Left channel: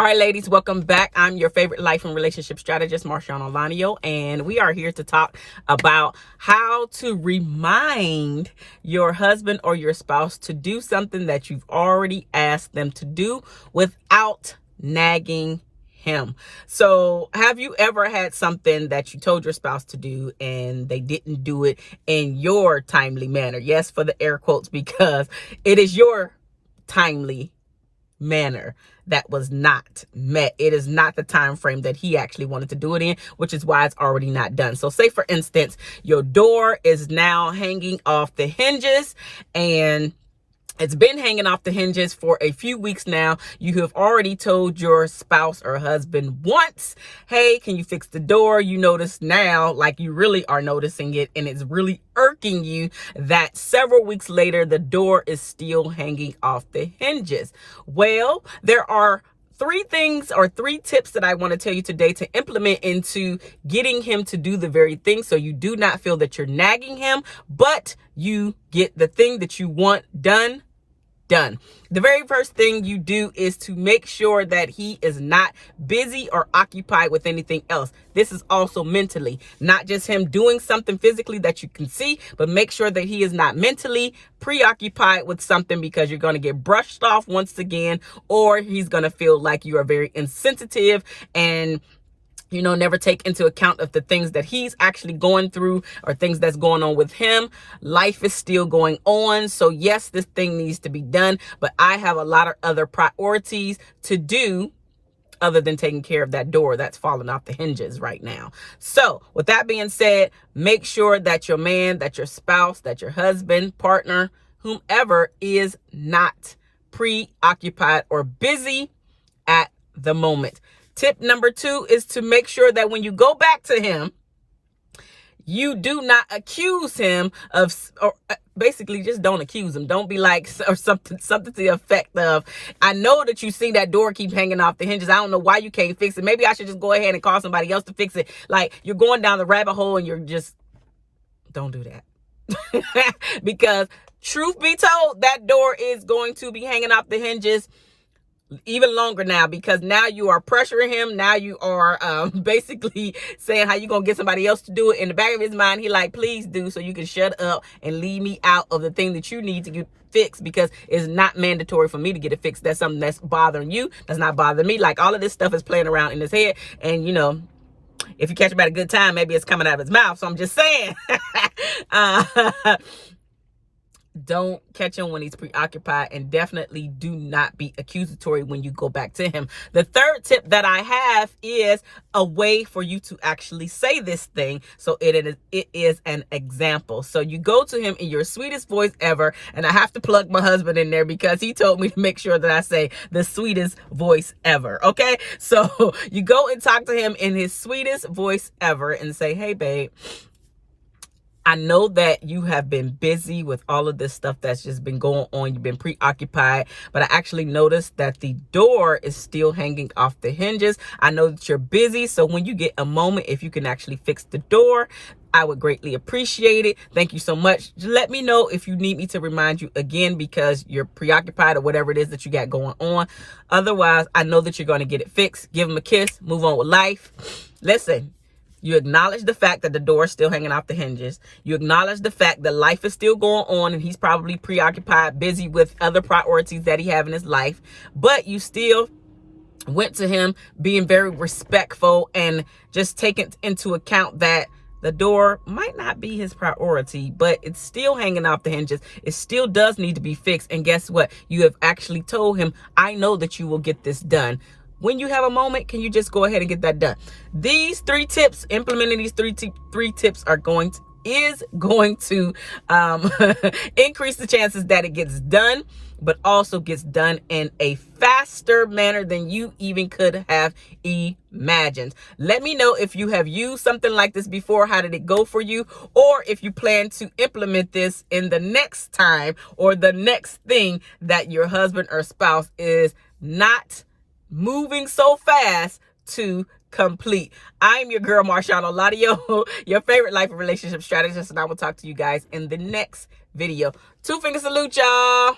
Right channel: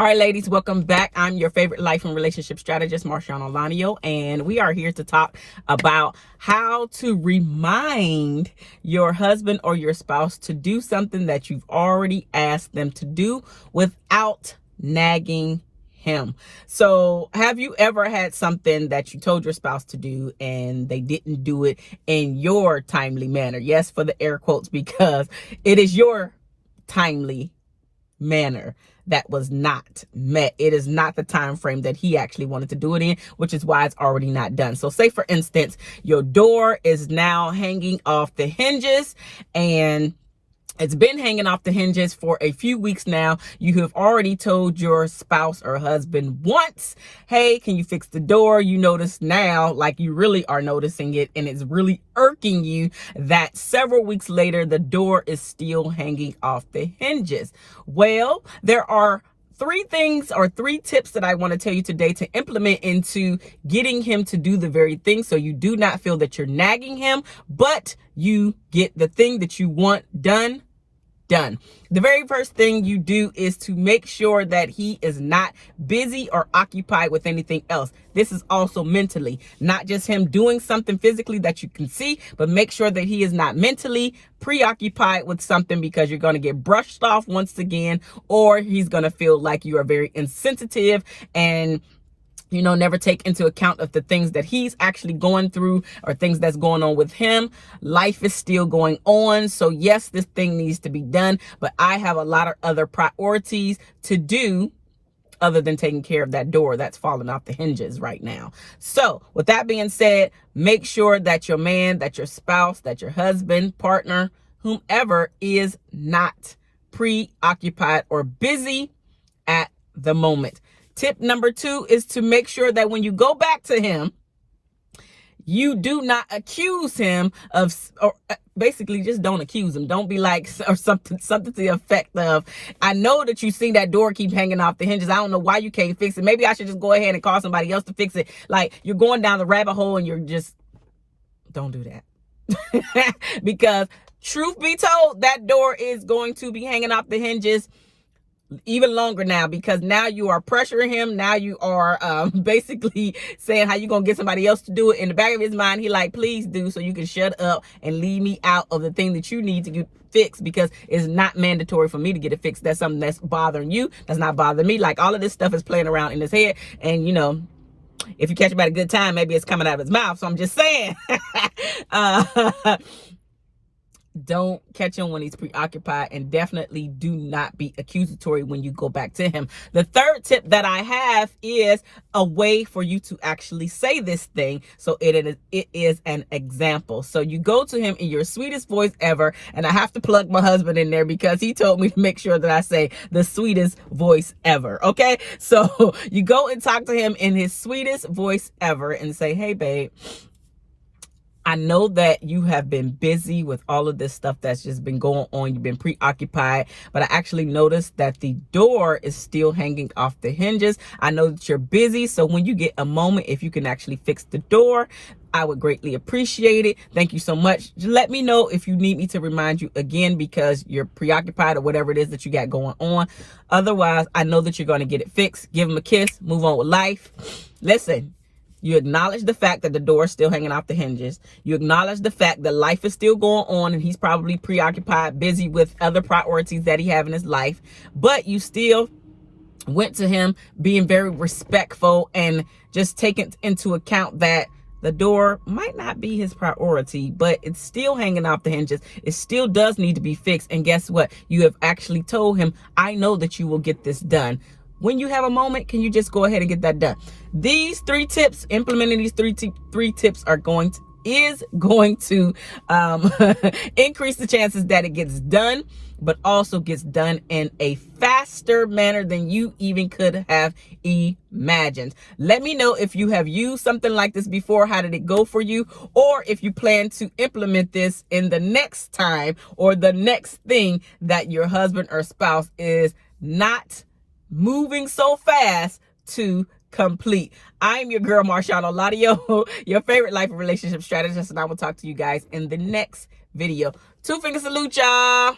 All right, ladies, welcome back. I'm your favorite life and relationship strategist, MarshaunO, and we are here to talk about how to remind your husband or your spouse to do something that you've already asked them to do without nagging him. So have you ever had something that you told your spouse to do and they didn't do it in your timely manner? Yes, for the air quotes, because it is your timely manner that was not met. It is not the time frame that he actually wanted to do it in, which is why it's already not done. So say, for instance, your door is now hanging off the hinges, and it's been hanging off the hinges for a few weeks now. You have already told your spouse or husband once, hey, can you fix the door? You notice now, like you really are noticing it, and it's really irking you that several weeks later, the door is still hanging off the hinges. Well, there are three tips that I want to tell you today to implement into getting him to do the very thing, so you do not feel that you're nagging him, but you get the thing that you want done. The very first thing you do is to make sure that he is not busy or occupied with anything else. This is also mentally, not just him doing something physically that you can see, but make sure that he is not mentally preoccupied with something, because you're going to get brushed off once again, or he's going to feel like you are very insensitive and never take into account of the things that he's actually going through or things that's going on with him. Life is still going on. So yes, this thing needs to be done, but I have a lot of other priorities to do other than taking care of that door that's falling off the hinges right now. So with that being said, make sure that your man, that your spouse, that your husband, partner, whomever is not preoccupied or busy at the moment. Tip number 2 is to make sure that when you go back to him, you do not accuse him of, or basically just don't accuse him. Don't be like, or something to the effect of, I know that you see that door keep hanging off the hinges. I don't know why you can't fix it. Maybe I should just go ahead and call somebody else to fix it. Like, you're going down the rabbit hole and you're just, don't do that. Because truth be told, that door is going to be hanging off the hinges even longer now, because now you are pressuring him. Now you are basically saying how you gonna get somebody else to do it. In the back of his mind, he like, please do, so you can shut up and leave me out of the thing that you need to get fixed, because it's not mandatory for me to get it fixed. That's something that's bothering you, that's not bothering me. Like, all of this stuff is playing around in his head, and if you catch him at a good time, maybe it's coming out of his mouth. So I'm just saying, don't catch him when he's preoccupied, and definitely do not be accusatory when you go back to him. The third tip that I have is a way for you to actually say this thing, so it is an example. So you go to him in your sweetest voice ever, and I have to plug my husband in there because he told me to make sure that I say the sweetest voice ever. Okay, so you go and talk to him in his sweetest voice ever and say, hey babe, I know that you have been busy with all of this stuff that's just been going on. You've been preoccupied, but I actually noticed that the door is still hanging off the hinges. I know that you're busy, so when you get a moment, if you can actually fix the door, I would greatly appreciate it. Thank you so much. Just let me know if you need me to remind you again, because you're preoccupied or whatever it is that you got going on. Otherwise, I know that you're going to get it fixed. Give him a kiss, move on with life. Listen, you acknowledge the fact that the door is still hanging off the hinges. You acknowledge the fact that life is still going on and he's probably preoccupied, busy with other priorities that he have in his life. But you still went to him being very respectful and just taking into account that the door might not be his priority, but it's still hanging off the hinges. It still does need to be fixed. And guess what? You have actually told him, I know that you will get this done. When you have a moment, can you just go ahead and get that done? These 3 tips, implementing these three tips is going to increase the chances that it gets done, but also gets done in a faster manner than you even could have imagined. Let me know if you have used something like this before. How did it go for you? Or if you plan to implement this in the next time or the next thing that your husband or spouse is not moving so fast to complete. I'm your girl, MarshaunO, your favorite life and relationship strategist, and I will talk to you guys in the next video. 2 finger salute, y'all.